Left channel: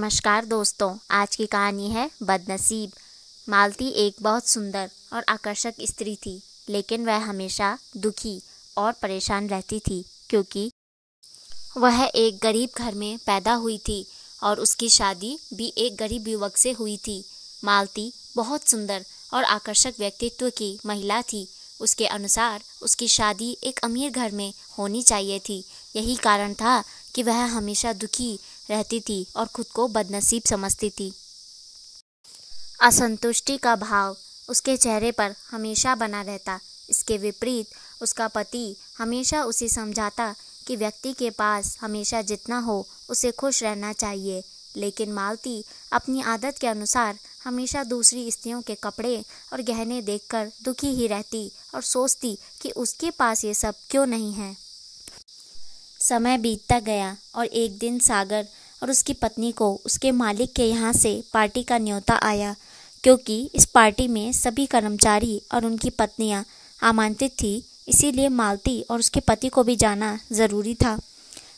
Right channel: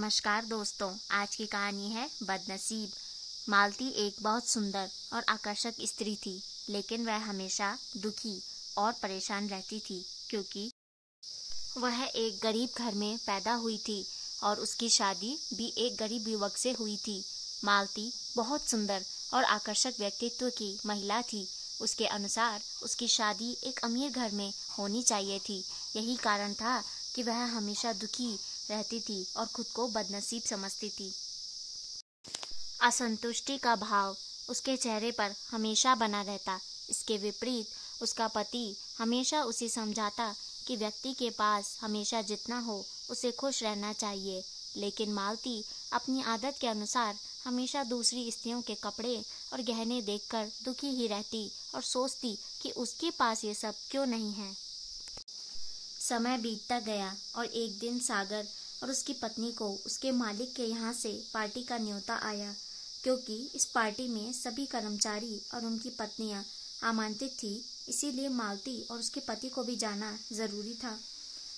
नमस्कार दोस्तों, आज की कहानी है बदनसीब। मालती एक बहुत सुंदर और आकर्षक स्त्री थी, लेकिन वह हमेशा दुखी और परेशान रहती थी क्योंकि वह एक गरीब घर में पैदा हुई थी और उसकी शादी भी एक गरीब युवक से हुई थी। मालती बहुत सुंदर और आकर्षक व्यक्तित्व की महिला थी। उसके अनुसार उसकी शादी एक अमीर घर में होनी चाहिए थी। यही कारण था कि वह हमेशा दुखी रहती थी और खुद को बदनसीब समझती थी। असंतुष्टि का भाव उसके चेहरे पर हमेशा बना रहता। इसके विपरीत उसका पति हमेशा उसे समझाता कि व्यक्ति के पास हमेशा जितना हो उसे खुश रहना चाहिए, लेकिन मालती अपनी आदत के अनुसार हमेशा दूसरी स्त्रियों के कपड़े और गहने देखकर दुखी ही रहती और सोचती कि उसके पास ये सब क्यों नहीं है। समय बीतता गया और एक दिन सागर और उसकी पत्नी को उसके मालिक के यहाँ से पार्टी का न्योता आया। क्योंकि इस पार्टी में सभी कर्मचारी और उनकी पत्नियाँ आमंत्रित थी, इसीलिए मालती और उसके पति को भी जाना ज़रूरी था।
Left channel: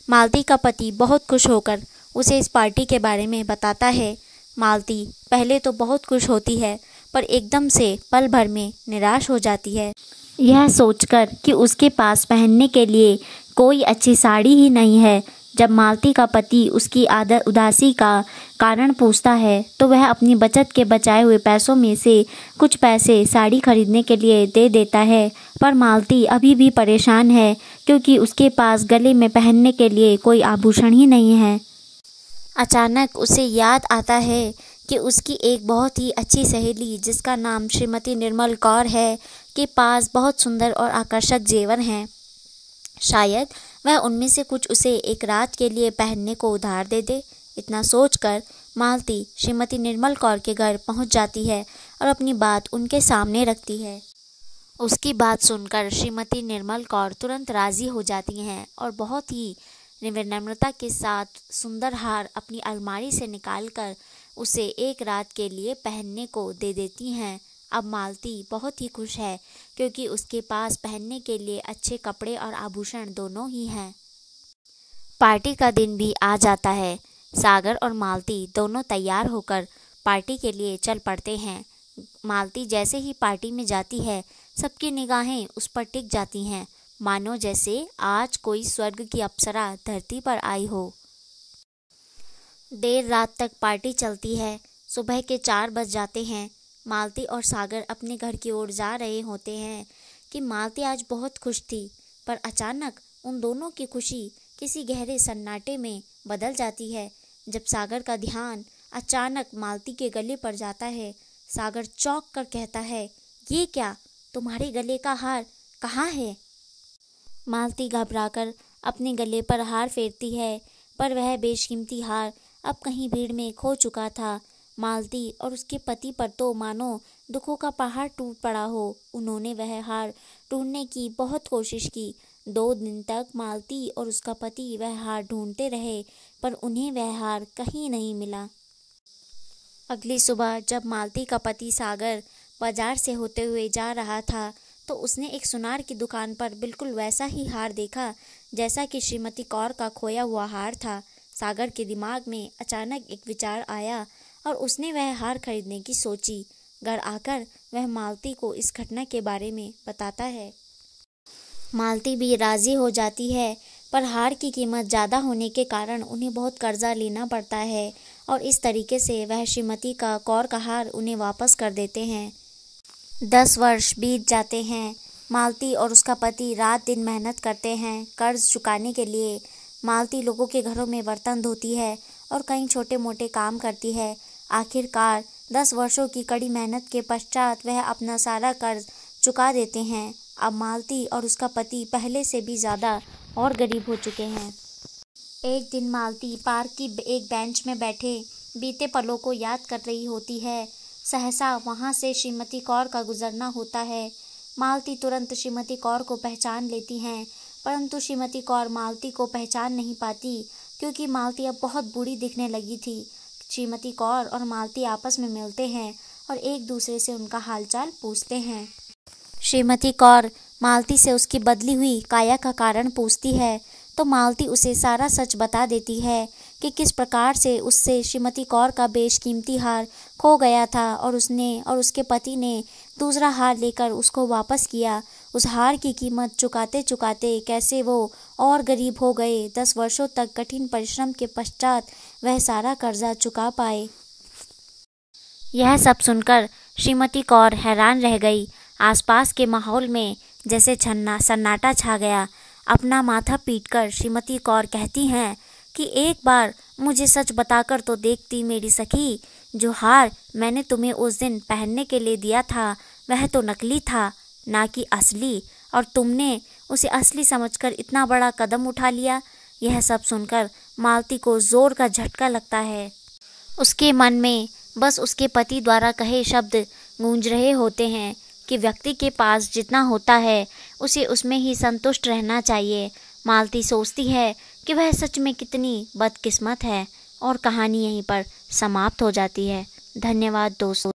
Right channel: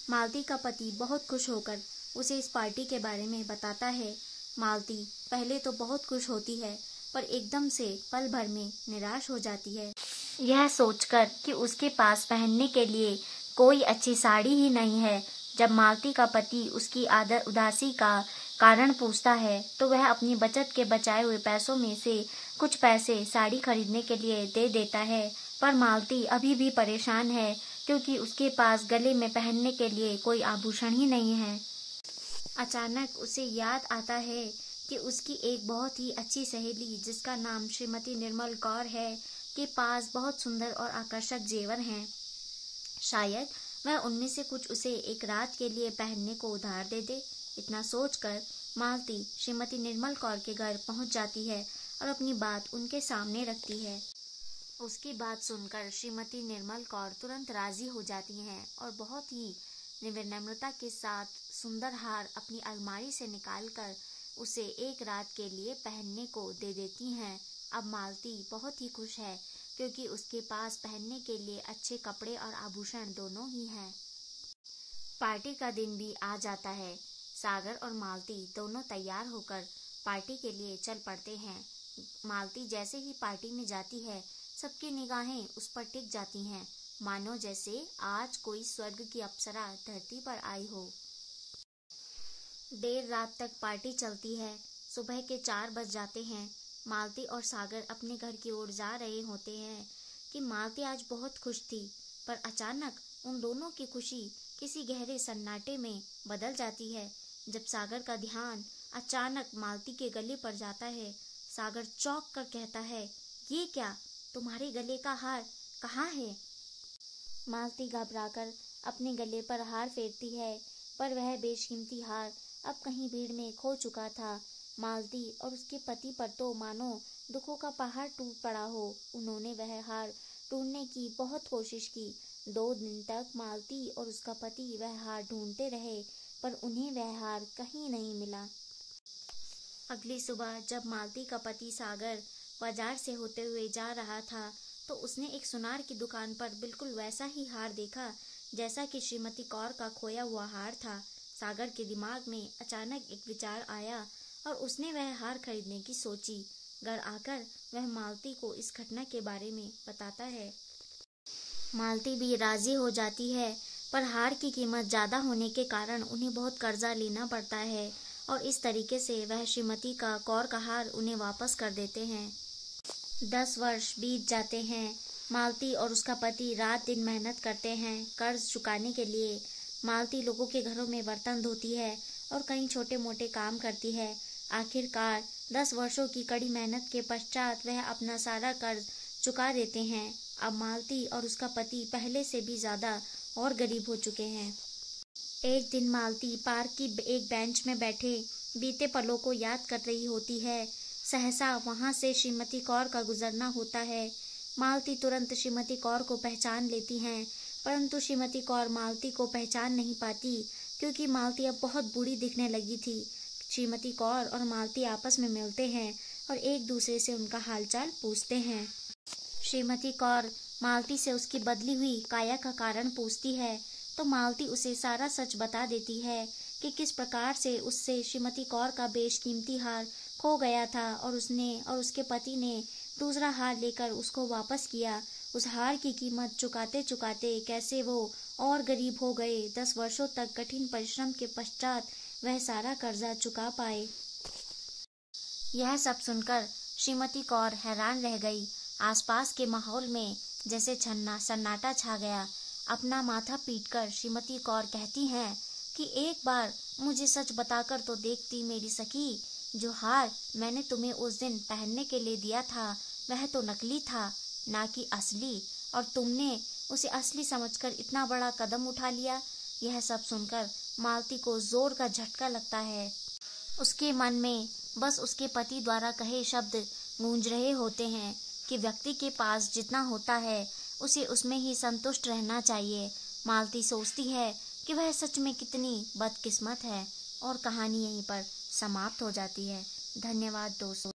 मालती का पति बहुत खुश होकर उसे इस पार्टी के बारे में बताता है। मालती पहले तो बहुत खुश होती है, पर एकदम से पल भर में निराश हो जाती है, यह सोचकर कि उसके पास पहनने के लिए कोई अच्छी साड़ी ही नहीं है। जब मालती का पति उसकी उदासी का कारण पूछता है तो वह अपनी बचत के बचाए हुए पैसों में से कुछ पैसे साड़ी खरीदने के लिए दे देता है। पर मालती अभी भी परेशान है क्योंकि उसके पास गले में पहनने के लिए कोई आभूषण ही नहीं है। अचानक उसे याद आता है कि उसकी एक बहुत ही अच्छी सहेली, जिसका नाम श्रीमती निर्मल कौर है, के पास बहुत सुंदर और आकर्षक जेवर हैं। शायद वह उनमें से कुछ उसे एक रात के लिए पहनने को उधार दे दे। इतना सोचकर मालती श्रीमती निर्मल कौर के घर पहुंच जाती है और अपनी बात उनके सामने रखती है। उसकी बात सुनकर श्रीमती निर्मल कौर तुरंत राज़ी हो जाती हैं और बहुत ही विनम्रता के साथ सुंदर हार अपनी अलमारी से निकालकर उसे एक रात के लिए पहनने को दे देती हैं। अब मालती बहुत ही खुश है क्योंकि उसके पास पहनने के लिए अच्छे कपड़े और आभूषण दोनों ही हैं। पार्टी का दिन भी आ जाता है। सागर और मालती दोनों तैयार होकर पार्टी के लिए चल पड़ते हैं। मालती जैसे ही पार्टी में जाती है, सबकी निगाहें उस पर टिक जाती हैं, मानो जैसे आज कोई स्वर्ग की अप्सरा धरती पर आई हो। देर रात तक पार्टी चलती है। सुबह के 4 बज जाते हैं। मालती और सागर अपने घर की ओर जा रहे होते हैं कि मालती आज बहुत खुश थी, पर अचानक उन दोनों की खुशी किसी गहरे सन्नाटे में बदल जाती है। जब सागर का ध्यान अचानक मालती के गले पर जाता है, सागर चौंक कर कहता है, ये क्या, तुम्हारे गले का हार कहाँ है? मालती घबराकर अपने गले पर हार फेरती है, पर वह बेशकीमती हार अब कहीं भीड़ में खो चुका था। मालती और उसके पति पर तो मानो दुखों का पहाड़ टूट पड़ा हो। उन्होंने वह हार ढूंढने की बहुत कोशिश की। 2 दिन तक मालती और उसका पति वह हार ढूंढते रहे, पर उन्हें वह हार कहीं नहीं मिला। अगली सुबह जब मालती का पति सागर बाजार से होते हुए जा रहा था, तो उसने एक सुनार की दुकान पर बिल्कुल वैसा ही हार देखा जैसा कि श्रीमती कौर का खोया हुआ हार था। सागर के दिमाग में अचानक एक विचार आया और उसने वह हार खरीदने की सोची। घर आकर वह मालती को इस घटना के बारे में बताता है। मालती भी राज़ी हो जाती है, पर हार की कीमत ज़्यादा होने के कारण उन्हें बहुत कर्जा लेना पड़ता है और इस तरीके से वह श्रीमती का कौर का हार उन्हें वापस कर देते हैं। 10 वर्ष बीत जाते हैं। मालती और उसका पति रात दिन मेहनत करते हैं कर्ज चुकाने के लिए। मालती लोगों के घरों में बर्तन धोती है और कई छोटे मोटे काम करती है। आखिरकार 10 वर्षों की कड़ी मेहनत के पश्चात वह अपना सारा कर्ज चुका देते हैं। अब मालती और उसका पति पहले से भी ज़्यादा और गरीब हो चुके हैं। एक दिन मालती पार्क की एक बेंच में बैठे बीते पलों को याद कर रही होती है। सहसा वहाँ से श्रीमती कौर का गुजरना होता है। मालती तुरंत श्रीमती कौर को पहचान लेती हैं, परंतु श्रीमती कौर मालती को पहचान नहीं पाती क्योंकि मालती अब बहुत बूढ़ी दिखने लगी थी। श्रीमती कौर और मालती आपस में मिलते हैं और एक दूसरे से उनका हालचाल पूछते हैं। श्रीमती कौर मालती से उसकी बदली हुई काया का कारण पूछती है, तो मालती उसे सारा सच बता देती है कि किस प्रकार से उससे श्रीमती कौर का बेशकीमती हार खो गया था और उसने और उसके पति ने दूसरा हार लेकर उसको वापस किया। उस हार की कीमत चुकाते चुकाते कैसे वो और गरीब हो गए। 10 वर्षों तक कठिन परिश्रम के पश्चात वह सारा कर्जा चुका पाए। यह सब सुनकर श्रीमती कौर हैरान रह गई। आसपास के माहौल में जैसे सन्नाटा छा गया। अपना माथा पीटकर श्रीमती कौर कहती हैं कि एक बार मुझे सच बताकर तो देखती मेरी सखी। जो हार मैंने तुम्हें उस दिन पहनने के लिए दिया था वह तो नकली था, ना कि असली, और तुमने उसे असली समझकर इतना बड़ा कदम उठा लिया। यह सब सुनकर मालती को जोर का झटका लगता है। उसके मन में बस उसके पति द्वारा कहे शब्द गूंज रहे होते हैं कि व्यक्ति के पास जितना होता है उसे उसमें ही संतुष्ट रहना चाहिए। मालती सोचती है कि वह सच में कितनी बदकिस्मत है, और कहानी यहीं पर समाप्त हो जाती है। धन्यवाद दोस्तों।